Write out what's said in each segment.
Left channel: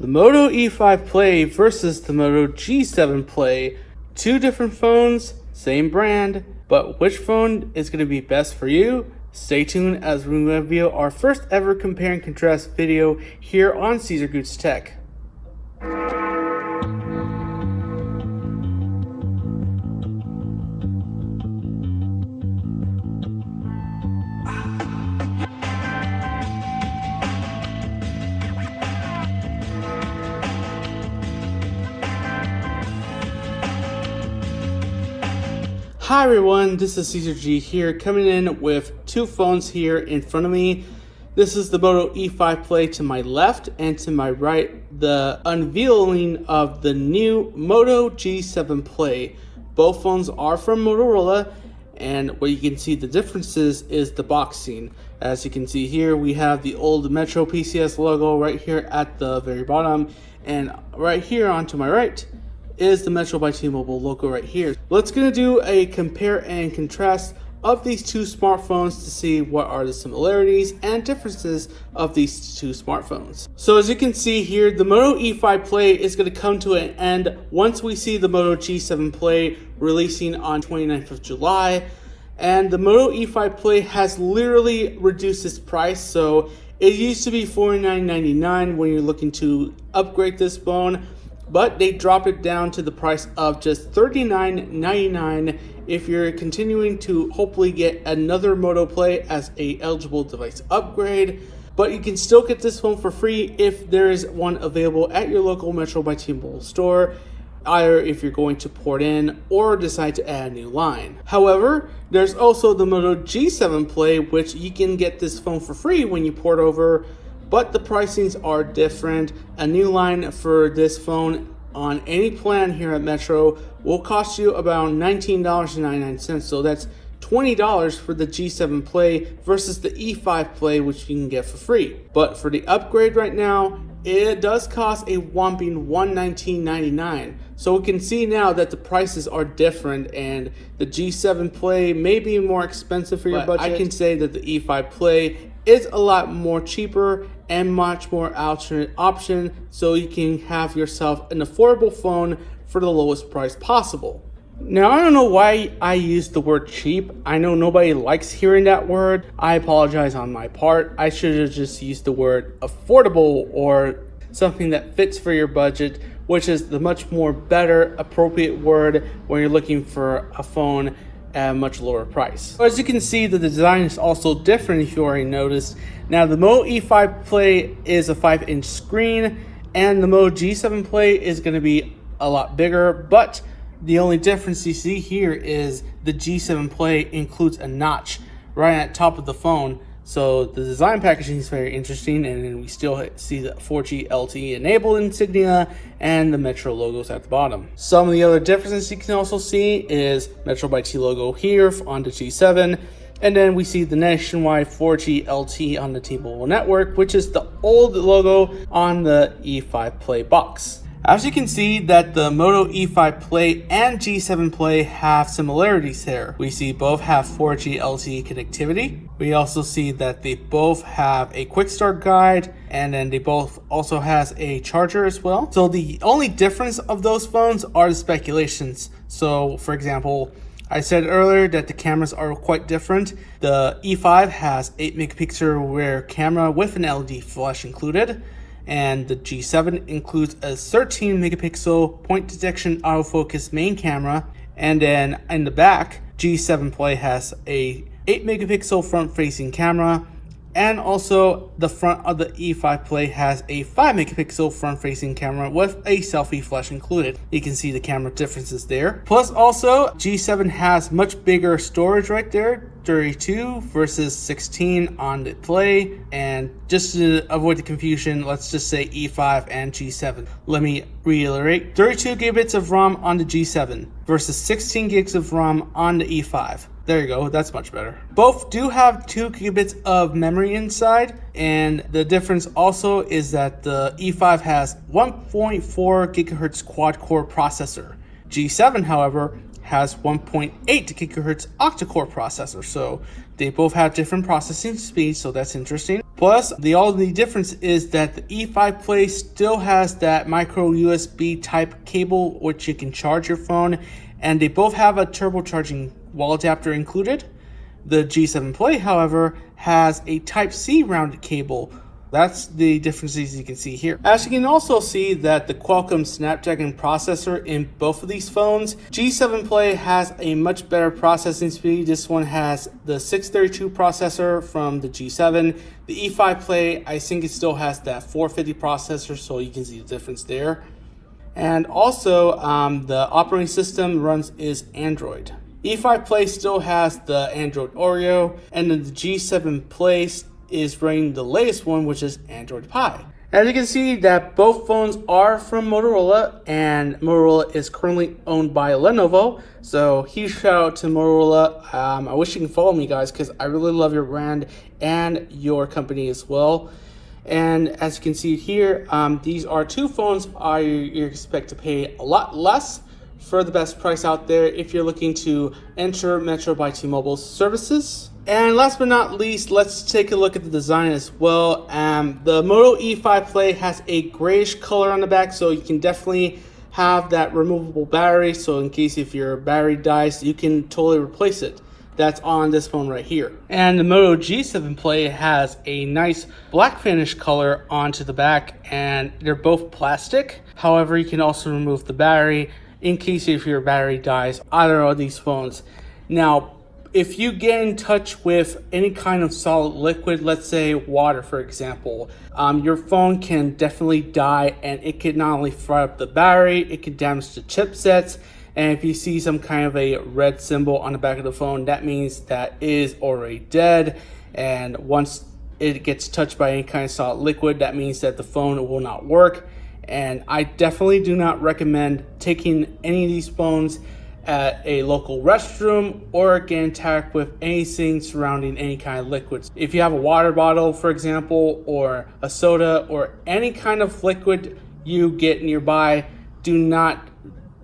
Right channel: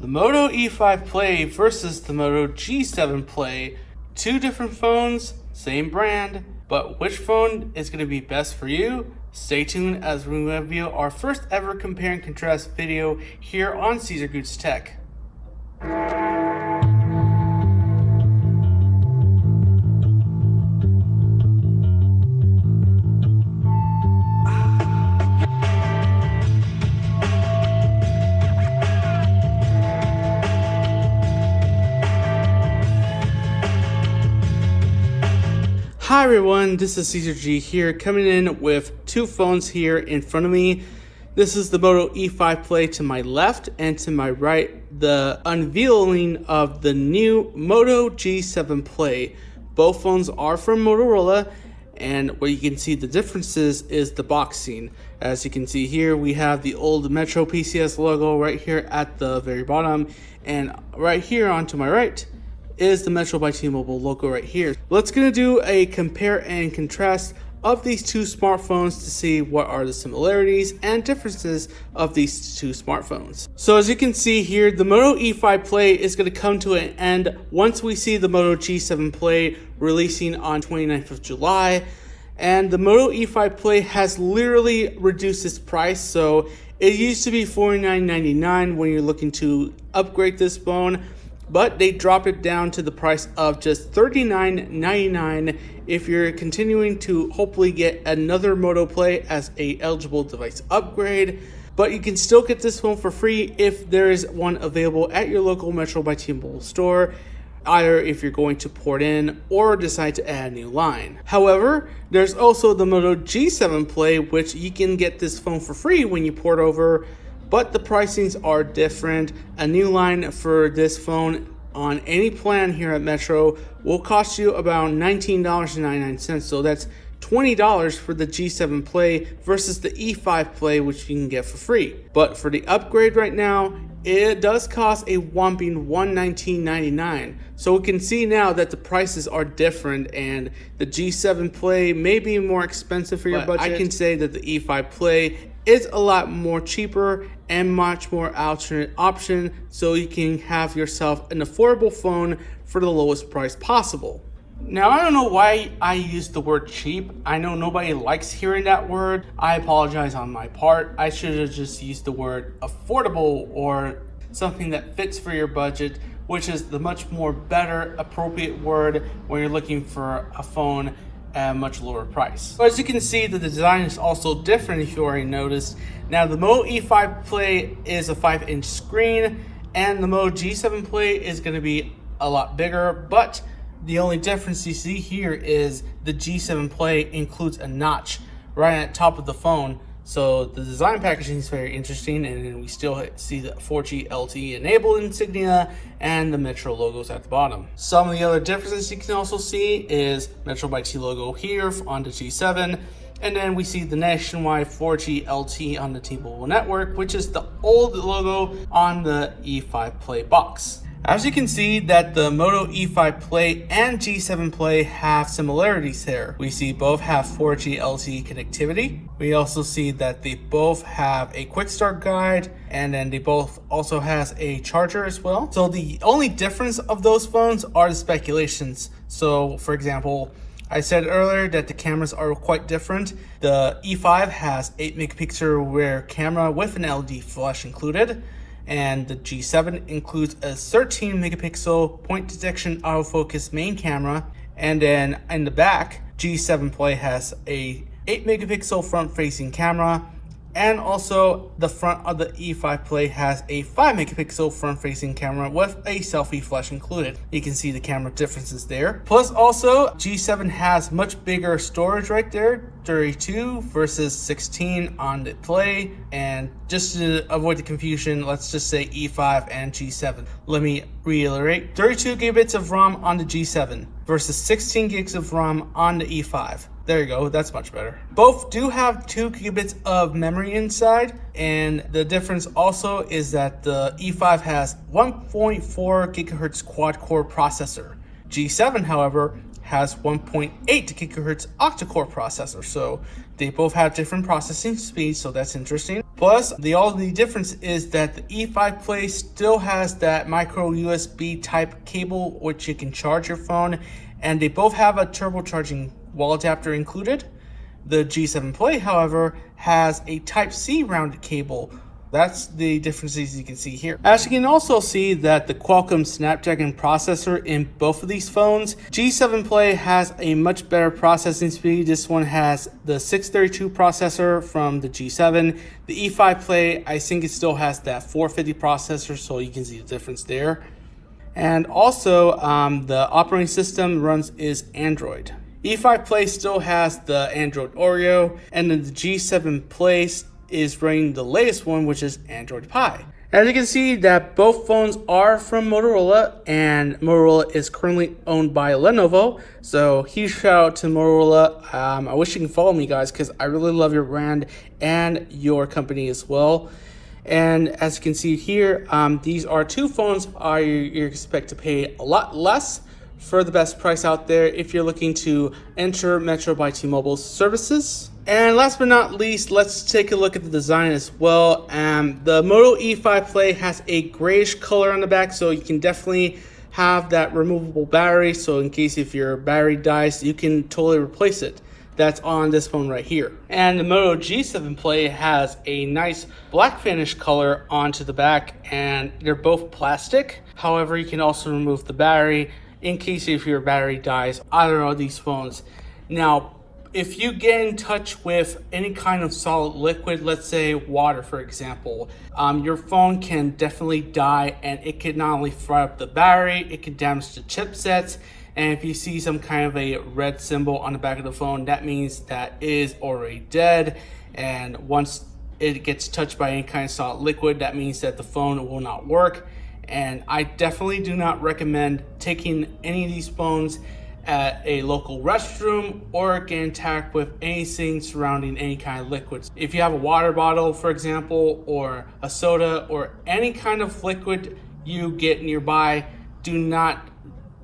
The Moto E5 Play versus the Moto G7 Play. Two different phones, same brand, but which phone is going to be best for you? Stay tuned as we reveal our first ever compare and contrast video here on Cesar Goots Tech. Hi everyone, this is Cesar G here, coming in with two phones here in front of me. This is the Moto E5 Play to my left, and to my right, the unveiling of the new Moto G7 Play. Both phones are from Motorola, and what you can see the differences is the boxing. As you can see here, we have the old Metro PCS logo right here at the very bottom, and right here on to my right is the MetrobyTMobile logo right here. Let's gonna do a compare and contrast of these two smartphones to see what are the similarities and differences of these two smartphones. So as you can see here, the Moto E5 Play is gonna come to an end once we see the Moto G7 Play releasing on 29th of July. And the Moto E5 Play has literally reduced its price. So it used to be $49.99 when you're looking to upgrade this phone, but they drop it down to the price of just $39.99 if you're continuing to hopefully get another Moto Play as a eligible device upgrade. But you can still get this phone for free if there is one available at your local MetrobyTMobile store, either if you're going to port in or decide to add a new line. However, there's also the Moto G7 Play, which you can get this phone for free when you port over, but the pricings are different. A new line for this phone on any plan here at Metro will cost you about $19.99, so that's $20 for the G7 Play versus the E5 Play, which you can get for free. But for the upgrade right now, it does cost a whopping $119.99. So we can see now that the prices are different, and the G7 Play may be more expensive for your budget. I can say that the E5 Play is a lot more cheaper and much more alternate option, so you can have yourself an affordable phone for the lowest price possible. Now, I don't know why I used the word cheap. I know nobody likes hearing that word. I apologize on my part. I should have just used the word affordable, or something that fits for your budget, which is the much more better, appropriate word when you're looking for a phone at a much lower price. But as you can see, the design is also different if you already noticed. Now, the Moto E5 Play is a 5-inch screen, and the Moto G7 Play is going to be a lot bigger, but the only difference you see here is the G7 Play includes a notch right at the top of the phone. So the design packaging is very interesting, and then we still see the 4G LTE enabled insignia and the Metro logos at the bottom. Some of the other differences you can also see is MetrobyT logo here on the G7, and then we see the nationwide 4G LTE on the T-Mobile network, which is the old logo on the E5 Play box. As you can see that the Moto E5 Play and G7 Play have similarities here. We see both have 4G LTE connectivity. We also see that they both have a quick start guide, and then they both also has a charger as well. So the only difference of those phones are the speculations. So for example, I said earlier that the cameras are quite different. The E5 has 8 megapixel rear camera with an LED flash included, and the G7 includes a 13 megapixel point detection autofocus main camera. And then in the back, G7 Play has a 8 megapixel front facing camera, and also the front of the E5 Play has a 5 megapixel front facing camera with a selfie flash included. You can see the camera differences there. Plus also, G7 has much bigger storage right there, 32 versus 16 on the Play. And just to avoid the confusion, let's just say E5 and G7. Let me reiterate, 32 gigabits of RAM on the G7 versus 16 gigs of RAM on the E5. There you go, that's much better. Both do have 2 gigabits of memory inside, and the difference also is that the E5 has 1.4 gigahertz quad-core processor. G7, however, has 1.8 gigahertz octa-core processor, so they both have different processing speeds, so that's interesting. Plus, the only difference is that the E5 Play still has that micro USB type cable which you can charge your phone, and they both have a turbocharging wall adapter included. The G7 Play, however, has a Type-C rounded cable. That's the differences you can see here. As you can also see that the Qualcomm Snapdragon processor in both of these phones, G7 Play has a much better processing speed. This one has the 632 processor from the G7. The E5 Play, I think it still has that 450 processor, so you can see the difference there. And also, the operating system is Android. E5 Play still has the Android Oreo, and then the G7 Play is running the latest one, which is Android Pie. As you can see that both phones are from Motorola, and Motorola is currently owned by Lenovo. So huge shout out to Motorola. I wish you can follow me, guys, because I really love your brand and your company as well. And as you can see here, these are two phones you expect to pay a lot less for the best price out there if you're looking to enter MetrobyTMobile services. And last but not least, let's take a look at the design as well. The Moto E5 Play has a grayish color on the back, so you can definitely have that removable battery. So in case if your battery dies, you can totally replace it. That's on this phone right here. And the Moto G7 Play has a nice black finish color onto the back, and they're both plastic. However, you can also remove the battery in case if your battery dies, either of these phones. Now, if you get in touch with any kind of solid liquid, let's say water for example, your phone can definitely die, and it could not only fry up the battery, it could damage the chipsets. And if you see some kind of a red symbol on the back of the phone, that means that it is already dead. And once it gets touched by any kind of solid liquid, that means that the phone will not work. And I definitely do not recommend taking any of these phones at a local restroom or get in contact with anything surrounding any kind of liquids. If you have a water bottle, for example, or a soda, or any kind of liquid you get nearby, do not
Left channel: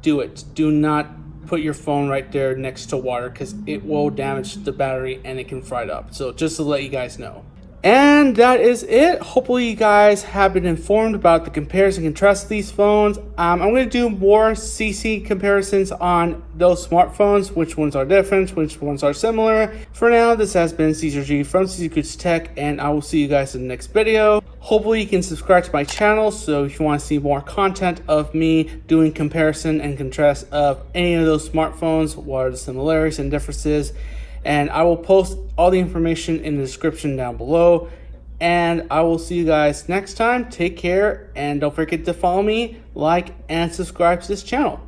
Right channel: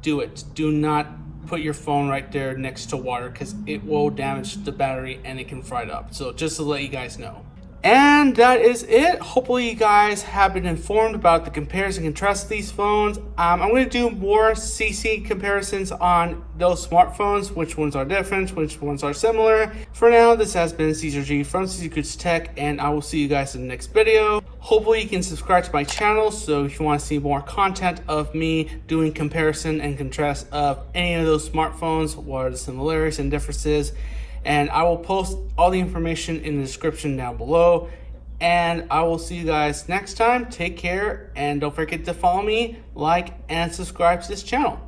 do it. Do not put your phone right there next to water, because it will damage the battery and it can fry it up. So just to let you guys know. And that is it. Hopefully you guys have been informed about the comparison and contrast of these phones. I'm going to do more CC comparisons on those smartphones, which ones are different, which ones are similar. For now, this has been Cesar G from Secrets Tech, and I will see you guys in the next video. Hopefully you can subscribe to my channel, so if you want to see more content of me doing comparison and contrast of any of those smartphones, what are the similarities and differences. And I will post all the information in the description down below. And I will see you guys next time. Take care, and don't forget to follow me, like, and subscribe to this channel.